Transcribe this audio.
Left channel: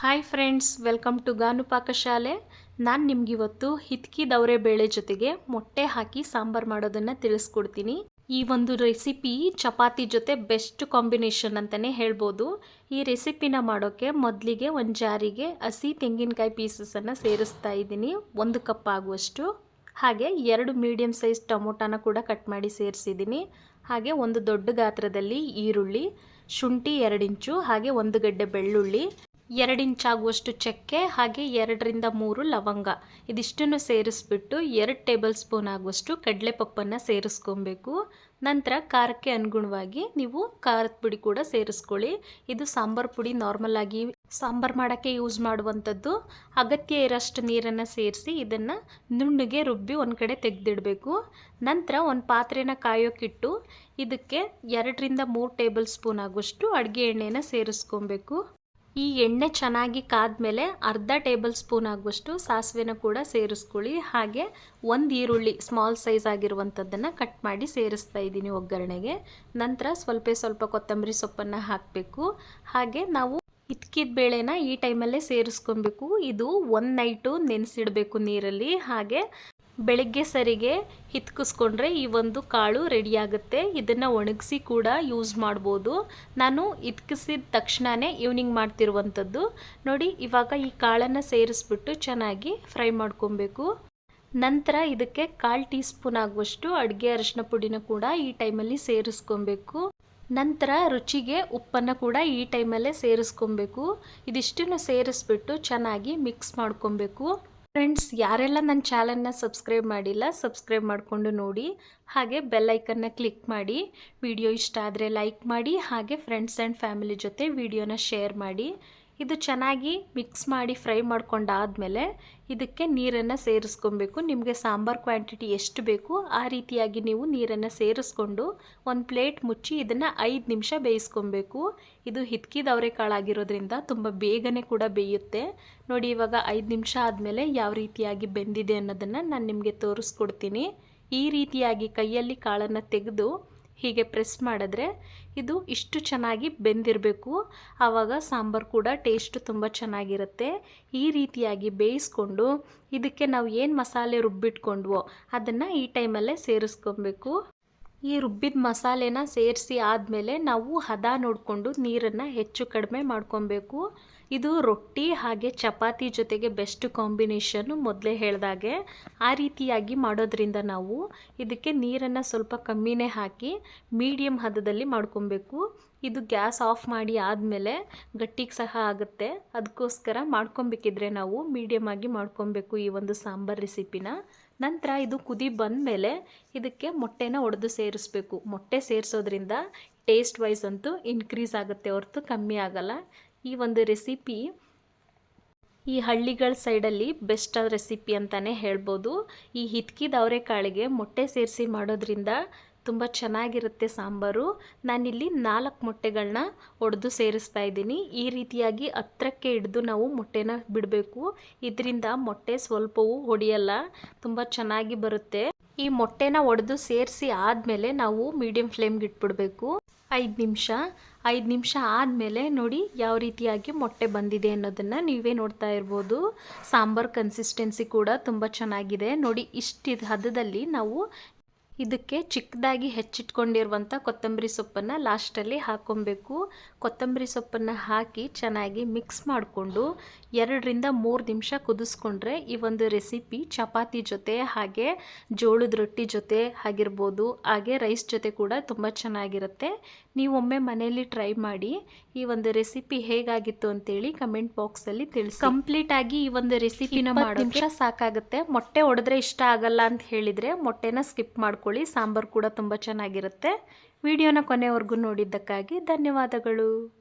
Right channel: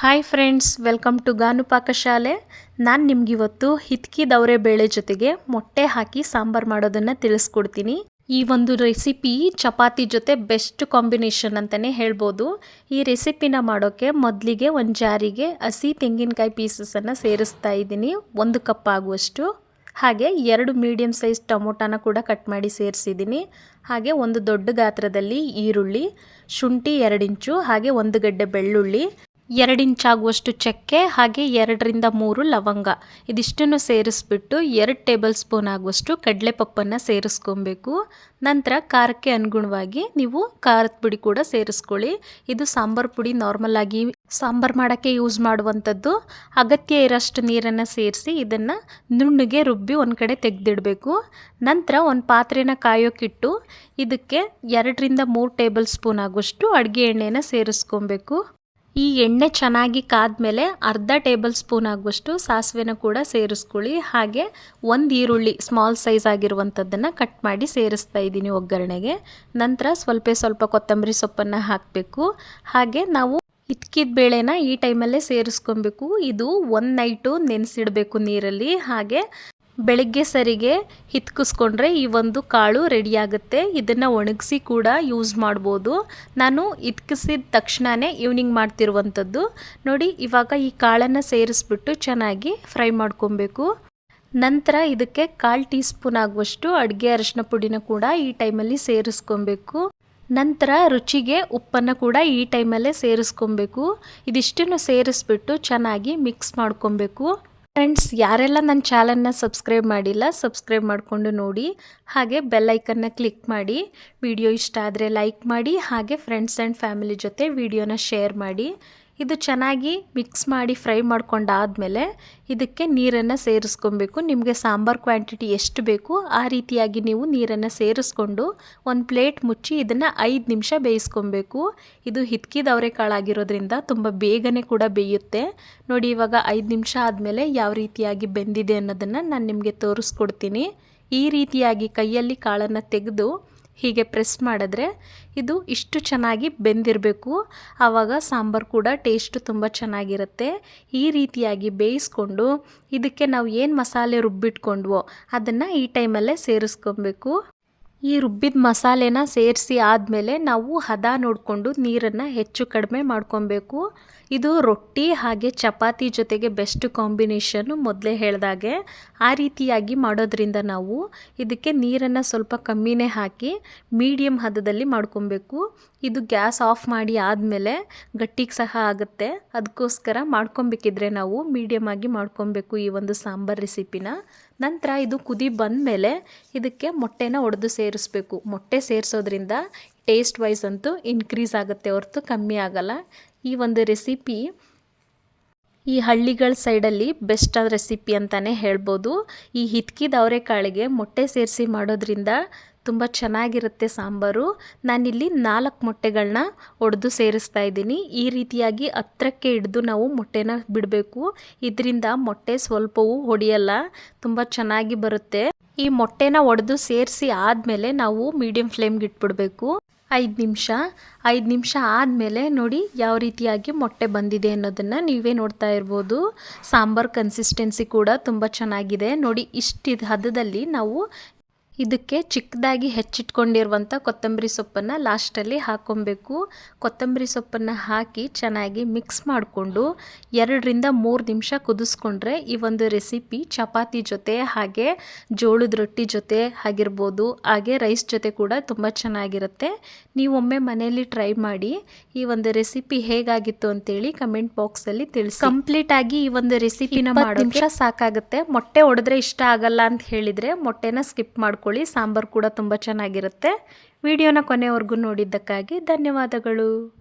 Hi friends welcome to Ganu ಪಾಕಶಾಲೆ ನಾನು ನಿಮಗಿವತ್ತು ಹಿತ್ಕಿ ದವರೆ ಬೇಳೆ ಜೊತೆಗೆ ಮೊಟ್ಟೆ ಹಾಕಿ ಸಾಂಬಾರು ಮಾಡೋದನ್ನು ತಿಳಿಸ್ಕೊಡ್ತೀನಿ. ಈ ಒಂದು ರೆಸಿಪಿ ಚಪಾತಿ ಜೊತೆ ಬೆಸ್ಟ್ ಕಾಂಬಿನೇಷನ್ ಅಂತಲೇ ಹೇಳ್ಬೋದು. ಈ ರೆಸಿಪಿನ ಮಾಡೋಕ್ಕೆ ಮೊದಲಿಗೆ ಒಂದು ಜಾರಿಗೆ ಹಸಿ ತೆಂಗಿನಕಾಯಿ ಪೀಸಸನ್ನು ಸೇರಿಸ್ತಾ ಇದ್ದೀನಿ. ಒಂದು ಕಪ್ ಆಗುವಷ್ಟು. ಹಾಗೆ ಎರಡು ಮೀಡಿಯಮ್ ಸೈಜ್ ಟೊಮೊಟೊನ ಕೂಡ ಕಟ್ ಮಾಡಿ ಸೇರಿಸಿದ್ದೀನಿ. ಹಾಗೆ ಒಂದು ದೊಡ್ಡ ಗಾತ್ರದಲ್ಲಿ ಈರುಳ್ಳಿ, ಶುಂಠಿ ಎರಡು ಇಂಚು, ಹಾಗೆ ಒಂದು ಗಡ್ಡೆ ಬೆಳ್ಳುಳ್ಳಿ ಎರಡು ಇಂಚಾಗುವಷ್ಟು ಚಕ್ಕೆ, ಹಾಗೆ ಎರಡರಿಂದ ಮೂರು ಲವಂಗ. ಇದಿಷ್ಟನ್ನು ಸೇರಿಸ್ಬಿಟ್ಟು ಎರಡು ಟೇಬಲ್ ಸ್ಪೂನ್ ಆಗುವಷ್ಟು ಕಡಲೆಪಪ್ಪನ್ನು ಸೇರಿಸ್ಕೊಬೇಕು. ನಂತರ ಖಾರಕ್ಕೆ ಅನುಗುಣವಾಗಿ ನೀವು ಖಾರದ ಪುಡಿ ಕೂಡ ಸೇರಿಸ್ಕೊಳ್ಳಿ. ಇದು ಸಾಂಬಾರು ಪುಡಿ, ನಾರ್ಮಲ್ ಆಗಿ ಸಾಂಬಾರು ಮಾಡೋಕ್ಕೆ ಯೂಸ್ ಮಾಡುವಂಥದ್ದು. ಅಗತ್ಯ ಇರೋಷ್ಟು ನೀರನ್ನು ಸೇರಿಸಿ ಇದನ್ನು ನುಣ್ಣಗೆ ರುಬ್ಬಿ ಒಂದು ಕಡೆ ತೆಗೆದಿಡಬೇಕು. ನಂತರ ಒಂದು ಪಾತ್ರೆನ ಕಾಯೋಕ್ಕಿಟ್ಟು ಇದಕ್ಕೆ ಎರಡರಿಂದ ಮೂರು ಟೇಬಲ್ ಸ್ಪೂನ್ ಆಗುವಷ್ಟು ಅಡುಗೆ ಎಣ್ಣೆನ ಸೇರಿಸ್ಕೊಬೇಕು. ಈ ಎಣ್ಣೆ ಚೆನ್ನಾಗಿ ಕಾದ್ಮೇಲೆ ಅರ್ಧ ಟೇಬಲ್ ಸ್ಪೂನ್ ಆಗುವಷ್ಟು ಸಾಸಿವೆನ ಕೂಡ ಸೇರಿಸ್ಕೊಳ್ಳಿ. ಹಾಗೆ ಒಂದು ಈರುಳ್ಳಿ ಸ್ಮಾಲ್ ಸೈಜ್ ಆಗಿರುವಂಥದ್ದನ್ನು ಕಟ್ ಮಾಡಿ ಸೇರಿಸ್ತಾ ಇದ್ದೀನಿ ಒಗ್ಗರಣೆಗೆ. ನಂತರ ಸ್ವಲ್ಪ ಸ್ವಲ್ಪ ಕೊತ್ತಂಬರಿ ಸೊಪ್ಪನ್ನು ಹಾಕಬೇಕು. ಹಾಗೆ ನಾವು ಇತ್ಕಿದ ಬೇಳೆನ ಈ ಟೈಮಲ್ಲೇ ಸೇರಿಸ್ಕೊಬೇಕು. ಇದು ಒಂದು ನೈಟು ನೆನೆಸಿಡಬೇಕು ನೀರಲ್ಲಿ. ಹಾಗೆ ಬೆಳಗ್ಗೆ ಸರಿಗೆ ಹಿತ್ಕಿಸ್ಕೊಂಡ್ರೆ ಈ ಒಂದು ಕಾಳು ರೆಡಿಯಾಗುತ್ತೆ. ಇದನ್ನು ಒಣಗಿಸಿ ಕೂಡ ಯೂಸ್ ಮಾಡ್ಬೋದು. ನಾನು ಹಿತ್ಕಿಸಿದ ತಕ್ಷಣವೇ ಈವ್ನಿಂಗ್ ಮಾಡ್ತಿರುವಂಥದ್ದು. ನೋಡಿ, ಇವಾಗ ಈ ಕಾಳನ್ನು ಸೇರಿಸ್ಬಿಟ್ಟು ಚೆನ್ನಾಗಿ ಫ್ರೈ ಮಾಡ್ಕೊಬೇಕು. ನಂತರ ಇದಕ್ಕೆ ಕಾಲು ಟೀ ಸ್ಪೂನ್ ಆಗುವಷ್ಟು ಅಡುಗೆ ಅರಶಿನ ಪುಡಿನ ಕೂಡ ಈ ಟೈಮಲ್ಲಿ ಸೇರಿಸ್ಕೊಬೇಕು. ನಂತರ ರುಚಿಗೆ ಉಪ್ಪನ್ನು ಕೂಡ ಈ ಟೈಮಲ್ಲೇ ಸೇರಿಸ್ಕೊಬೇಕು. ಇದಿಷ್ಟನ್ನು ಸೇರಿಸ್ಬಿಟ್ಟು ಚೆನ್ನಾಗಿ ಮಿಕ್ಸ್ ಮಾಡ್ಕೊಬೇಕು. ಫ್ರೆಂಡ್ಸ್, ಯಾರೆಲ್ಲ ನನ್ನ ಚಾನಲ್ನ ಸಬ್ಸ್ಕ್ರೈಬ್ ಮಾಡಿಲ್ಲ, ಸಬ್ಸ್ಕ್ರೈಬ್ ಮಾಡಿಕೊಂಡು ನೋಡಿ. ಹಾಗೆ ಬೆಲ್ ಬೆಲ್ಲೈಕನ್ನ ಕ್ಲಿಕ್ ಮಾಡಿ. ವಿಡಿಯೋ ಇಷ್ಟ ಆದರೆ ಲೈಕ್ ಮಾಡಿ. ಹಾಗೆ ಫ್ರೆಂಡ್ಸ್ ಆ್ಯಂಡ್ ಫ್ಯಾಮಿಲಿ ಜೊತೆ ವಿಡಿಯೋನ ಶೇರ್ ಮಾಡಿ. ಇದು ಚೆನ್ನಾಗಿ ಮಿಕ್ಸ್ ಮಾಡಿ ಫ್ರೈ ಮಾಡ್ಕೊಂಡಾದಮೇಲೆ ಇದಕ್ಕೆ ನೀರನ್ನು ಸೇರಿಸ್ಕೊಬೇಕು. ನಿಮಗೆ ಸಾಂಬಾರು ಕ್ವಾಂಟಿಟಿ ಎಷ್ಟು ಬೇಕು ಆ ರೀತಿಯಾಗಿ ನೀವು ನೀರನ್ನು ಸೇರಿಸ್ಕೊಂಡು ಒಂದು ಪ್ಲೇಟ್ ಮುಚ್ಚಿ ಇದನ್ನು ಐದು ನಿಮಿಷ ಬೇಯಿಸ್ಕೊಬೇಕು. ಇದು ಹಿತ್ಕಿದ ಕಾಳಾಗಿರೋದ್ರಿಂದ ತುಂಬ ಬೇಗನೆ ಕೂಡ ಬೇಯುತ್ತೆ. ನೋಡಿ, ಇವಾಗ ಐದು ನಿಮಿಷ ಆದಮೇಲೆ ಯಾವ ರೀತಿಯಾಗಿ ಬೆಂದಿದೆ ಅನ್ನೋದನ್ನು ನಾನು ನಿಮಗೆ ತೋರಿಸ್ಕೊಡ್ತೀನಿ. ಈ ರೀತಿಯಾಗಿ ಕೈಯಲ್ಲಿ ಕಾಳನ್ನು ತೆಗೆದು ಹೀಗೆ ಪ್ರೆಸ್ ಮಾಡಿದ್ರೆ ಇದು ಇಷ್ಟು ಚೆನ್ನಾಗಿ ಬೆಂದಿರಬೇಕು. ಆವಾಗ ಸಾಂಬಾರು ಕೂಡ ಟೇಸ್ಟು ತುಂಬ ಚೆನ್ನಾಗಿರುತ್ತೆ. ಈ ರೀತಿಯಾಗಿ ಬೇಯಿಸ್ಕೊಂಡು ಇದಕ್ಕೆ ನಾವು ಏನು ಮಸಾಲೆ ರುಬ್ಬಿಟ್ಕೊಂಡ್ವೋ ಅದನ್ನು ಈ ಟೈಮಲ್ಲೇ ಸೇರಿಸ್ಕೊಬೇಕು. ಈ ರುಬ್ಬಿದ ಮಸಾಲೆನ ಸೇರಿಸಿ ಆದಮೇಲೆ ನಾವು ಹದ ನೋಡಿಕೊಂಡು ನೀರನ್ನು ಹೆಚ್ಚು ಕಡಿಮೆ ಮಾಡ್ಕೊಬೇಕು. ಇದು ರೊಟ್ಟಿ ಹಾಗೆ ಚಪಾತಿ ಜೊತೆಗೆ ಬೆಸ್ಟ್ ಕಾಂಬಿನೇಷನ್ನು ಮೊದಲೇ ಹೇಳಿದಾಗೆ ಆ ರೀತಿಯಾಗಿ ಮಾಡೋದ್ರಿಂದ ನಾವು ಇದಕ್ಕೆ ನೀರನ್ನು ಸ್ವಲ್ಪ ಕಮ್ಮಿನೇ ಹಾಕಿ ಮೀಡಿಯಮ್ ಹದದಲ್ಲಿ ಮಾಡ್ಕೊಬೇಕು. ಇದು ಗ್ಯಾಸ್ ಆಫ್ ಮಾಡಿ ಆದಮೇಲೆ ಗಟ್ಟಿಗೆ ಸಹ ಆಗುತ್ತೆ. ಅದಕ್ಕೋಸ್ಕರ ಮಾಡ್ಕೊಬೇಕಿದ್ರೆ ನಾವು ಮೀಡಿಯಮ್ ಆಗಿ ಮಾಡ್ಕೊಬೇಕು ಈ ಒಂದು ಸಾಂಬಾರು ರೆಸಿಪಿನ ನಂತರ ಇದು ಕುದಿ ಬಂದಮೇಲೆ ಇದಕ್ಕೆ ಮೊಟ್ಟೆನ ಒಡೆದು ಸೇರಿಸ್ಬೇಕು. ಮೊಟ್ಟೆ ಸೇರಿಸೋದ್ರಿಂದ ಟೇಸ್ಟ್ ವೈಸ್ ಅಂತೂ ಇನ್ಕ್ರೀಸ್ ಆಗುತ್ತೆ ಹೊರತು ಕಮ್ಮಿ ಆಗಲ್ಲ. ಈ ಒಂದು ರೆಸಿಪಿ ಈ ಹಳ್ಳಿಗಳ ಸೈಡಲ್ಲಿ ಬೆಸ್ಟ್ ರೆಸಿಪಿ ಅಂತಲೇ ಹೇಳ್ಬೋದು. ಈ ಹಿತ್ಕಿದ ಅವರೆಕಾಳಿಗೆ ಮೊಟ್ಟೆ ಸೇರಿಸಿ ಮಾಡೋದ್ರಿಂದ ತುಂಬ ಚೆನ್ನಾಗಿರುತ್ತೆ ಸಾಂಬಾರು. ನಾನಿಲ್ಲಿ ನಾಲ್ಕು ಮೊಟ್ಟೆಗಳನ್ನ ಒಡೆದು ಸೇರಿಸ್ತಾ ಇದ್ದೀನಿ. ಈ ರೀತಿಯಾಗಿ ಹತ್ರಕ್ಕೆ ಹಿಡಿದು ನಾವು ಮೊಟ್ಟೆನ ಬಿಡಬೇಕು. ಇದರಿಂದ ಮೊಟ್ಟೆ ಸ್ವಲ್ಪವೂ ಹೊಡೆಯಲ್ಲ, ತುಂಬ ಚೆನ್ನಾಗಿ ಬರುತ್ತೆ. ಈ ಮೊಟ್ಟೆನ ಒಡೆದು ಸೇರಿಸಿ ಆದಮೇಲೆ ನಾವು ಮೀಡಿಯಂ ಫ್ಲೇಮ್ಗೆ ಇಟ್ಬಿಡಬೇಕು. ಐದು ನಿಮಿಷ ಐದು ನಿಮಿಷ ಆದಮೇಲೆ ನೋಡಿ ಯಾವ ರೀತಿಯಾಗಿ ಮೊಟ್ಟೆ ಬಂದಿದೆ ಅನ್ನೋದನ್ನು ನೀವೇ ನೋಡ್ತಾ ಇರ್ಬೋದು. ಸಾಂಬಾರ್ ಕನ್ಸಿಸ್ಟೆನ್ಸಿ ಕೂಡ ತುಂಬ ಚೆನ್ನಾಗಿದೆ. ನೋಡಿ ಇಷ್ಟು ಹದದಲ್ಲಿ ನಾವು ಇದಕ್ಕೆ ಚಿಕ್ಕದಾಗಿ ಹೆಚ್ಚಿಟ್ಕೊಂಡಿರುವಂಥ ಕೊತ್ತಂಬರಿ ಸೊಪ್ಪನ್ನು ಲಾಸ್ಟಲ್ಲಿ ಹಾಕ್ಕೊಬೇಕು ಕೊತ್ತಂಬರಿ ಸೊಪ್ಪನ್ನು ಹಾಕಿ ಚೆನ್ನಾಗಿ ಮಿಕ್ಸ್ ಮಾಡಿಕೊಂಡು ಎರಡರಿಂದ ಮೂರು ನಿಮಿಷ ಕುದಿಸ್ಕೊಂಡ್ರೆ ಈ ಒಂದು ರೆಸಿಪಿ ಚಪಾತಿ ಜೊತೆ ಹಾಗೆ ಜೋಳದ ರೊಟ್ಟಿ ಜೊತೆ ಆಗಿರ್ಬೋದು ಹಾಗೆ ರೈಸ್ ಜೊತೆ ಕೂಡ ತುಂಬ ಚೆನ್ನಾಗಿರುತ್ತೆ. ನೀವೊಮ್ಮೆ ಮನೆಯಲ್ಲಿ ಟ್ರೈ ಮಾಡಿ ಈ ಒಂದು ರೆಸಿಪಿ ಹೇಗಾಗಿತ್ತು ಅಂತೇಳಿ ಕಮೆಂಟ್ ಬಾಕ್ಸಲ್ಲಿ ತಿಳಿಸಿ. ಕಂಪ್ಲೀಟಾಗಿ ಈ ಒಂದು ರೆಸಿಪಿನ ಮಾಡೋ ನಿಮಿಷ ಸಾಕಾಗುತ್ತೆ. ಮೊಟ್ಟೆ ಒಡೆದ್ರೆ ಇಷ್ಟ ಆಗಲ್ಲ ಅಂತ ಹೇಳಿದರೆ ಮೊಟ್ಟೆನ ಸ್ಕಿಪ್ ಮಾಡ್ಕೊಂಡು ಮಾಡ್ಕೊಳ್ಳಿ. ಸಾಂಬಾರು ಕೂಡ ತುಂಬ ಚೆನ್ನಾಗಿರುತ್ತೆ. ವಿಡಿಯೋನ ಕೊನೆವರೆಗೂ ನೋಡಿದ್ದಕ್ಕಾಗಿ ಧನ್ಯವಾದಗಳು.